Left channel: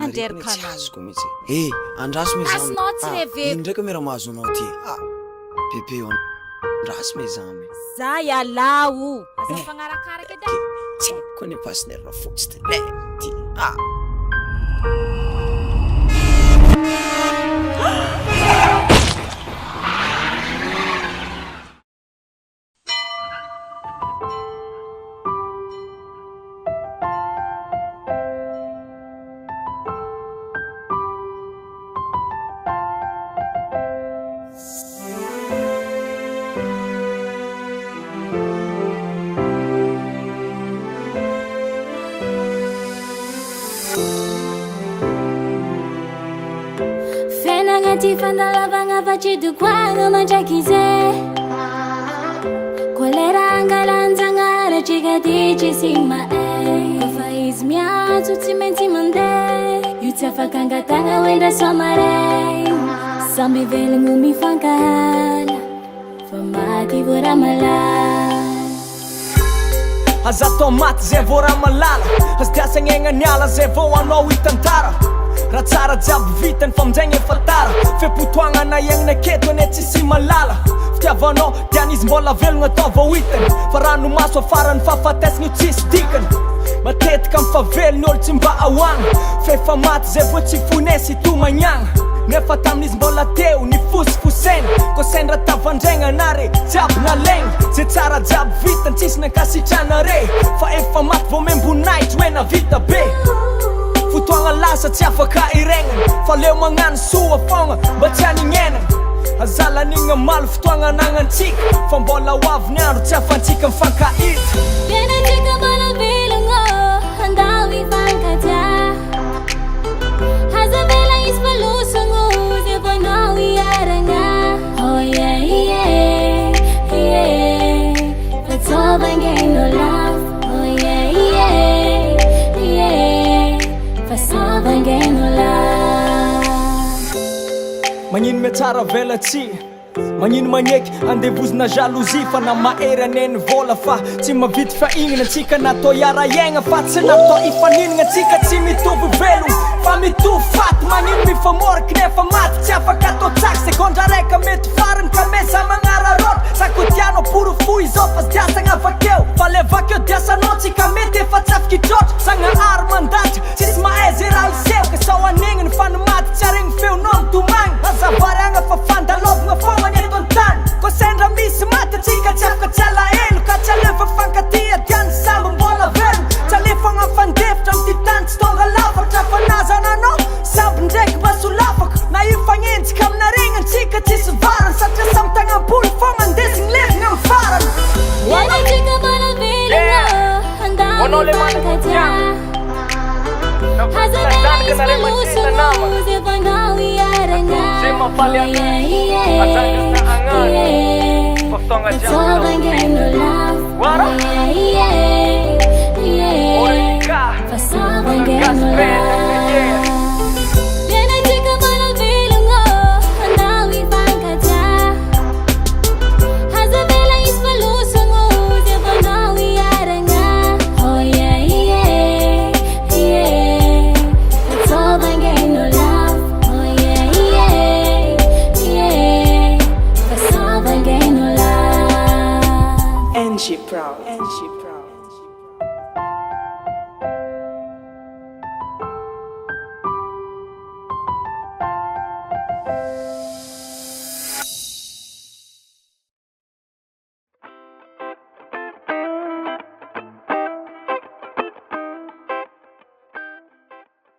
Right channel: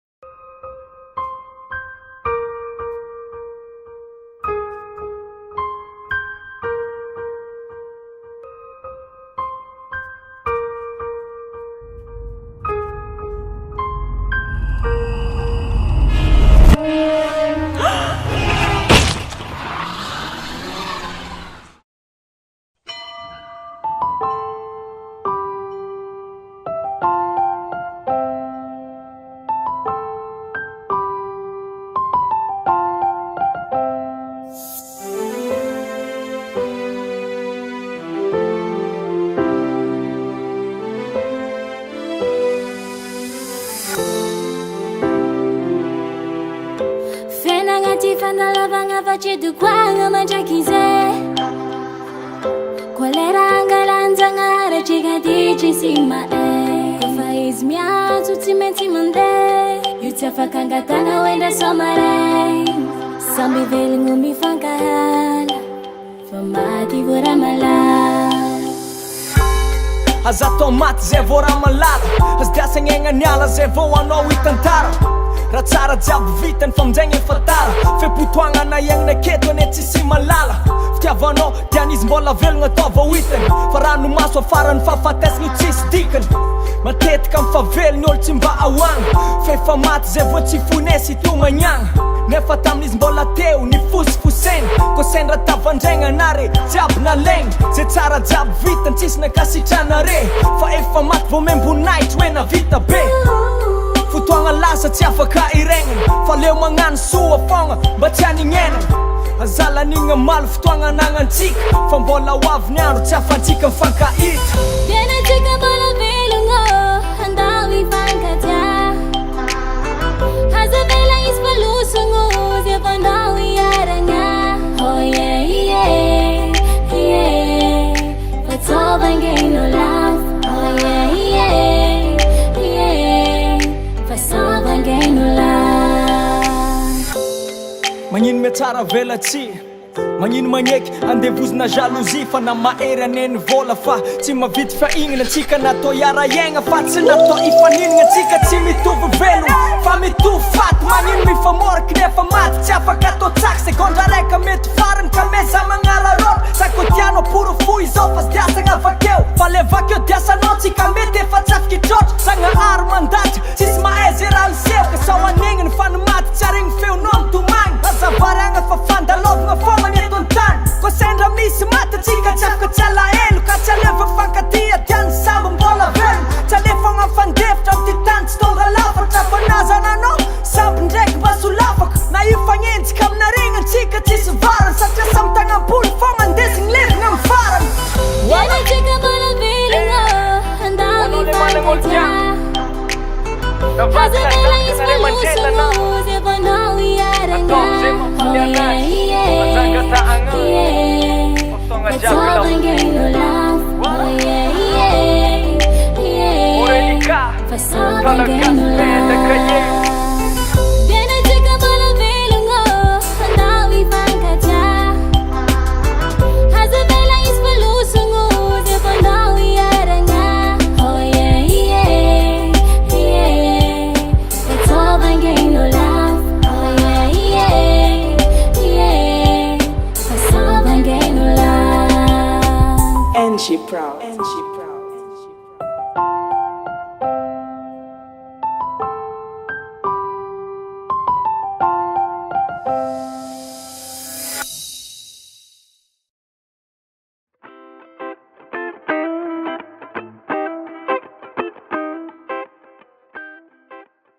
Andrerikazoko mihitsy. Andraso Azonao tsy reveko. Indraiky mera mahazo anao ty. Bebe andraso me zany. Za ialao. Aza fagnarakaraka edy. Tsy haiko ny partenaire fotsy ty. Ty fandalavagna facedukoagna mandrakize kolera angalanjagna ratrika ty tsy sigma kofa izy miantso tsy maintsy mandeha io tsy afaka angatagna hoendra somaray samby velogno mifankahala fa maty vo ramalala aza atao maty zay vo ramalala azy diasagnegna niala zay vo anao hitantara raha tsara jiaby vitany fa aminjegny efa tara fepotoagna na iagnana aketo ane tsisy malala fitiavanao dianizy mbola velogna atao vao hitany fa ranomaso afarany fahafatesagna io tsisy dikany matetika mifavelo ny olo tsy mba ahoagna fefa maty zay vo tsy fonesy tomagnagna nefa tamin'izy mbola teo ny fosifoseny ko sendra tavandraigna nare jiaby nalegna zay tsara jiaby vitany tsisy nankasitrana re fa efa maty vo membonaitry hoe navita be fotoagna lasa tsy afaka iregnany fa leo magnano soa fogna mba tsy anignenany azalanigna malo fotoagna ananantsika fa mbola hoavy ny andro tsy afantsika mifankahita Dianatsika mbola velogno andao hifankatya hazavela izy falosogno zay vonao hiaragna fatsovangaino lafo fatsovangaino lafo magnino miatsara velatsy magnino magneky andevozina jalousie fa na mahery aneny vola fa tsy mavity fahignana antsika natao hiara-iaigna fa tsy natao hifaninana antsika tsy mitovy velogno fa mitovy faty magnino mifamoraky nefa maty tsy afaka atao tsaky segondra raika mety farany ka meza magnararota sako tianao porofo izao fa sy diasagna avakeo fa le vakeo diasanao tsika mety efa tsy afaky trotra sagnahary mandatra tsisy mahay zay raha liseho ka sao anignany fa ny maty tsy aregny feonao mitomagny azavariagna fa fandalovagna fogna ny eto an-tany ko sendra misy maty atsika tsy afaka tsy alahelo ka tsy aleva fankatia diany samby mbola velogno tsy alefagna fandefitra amty tany tsy tonga lafatra fa nazananao samby ndraiky mba solafaka na io fagnenjika aminarigna antsika tsisy varany satria samy tagnam-poly fogna andesigny levigna amy farany Dianatsika mbola velogno andao hifankatya hazavela izy falosogno zay vonao hiaragna fatsovangaino lafo Aurelicah, fatsovangaino lafo Dianatsika mbola velogno andao hifankatya hazavela izy falosogno zay vonao hiaragna fatsovangaino lafo fatsovangaino lafo and she proud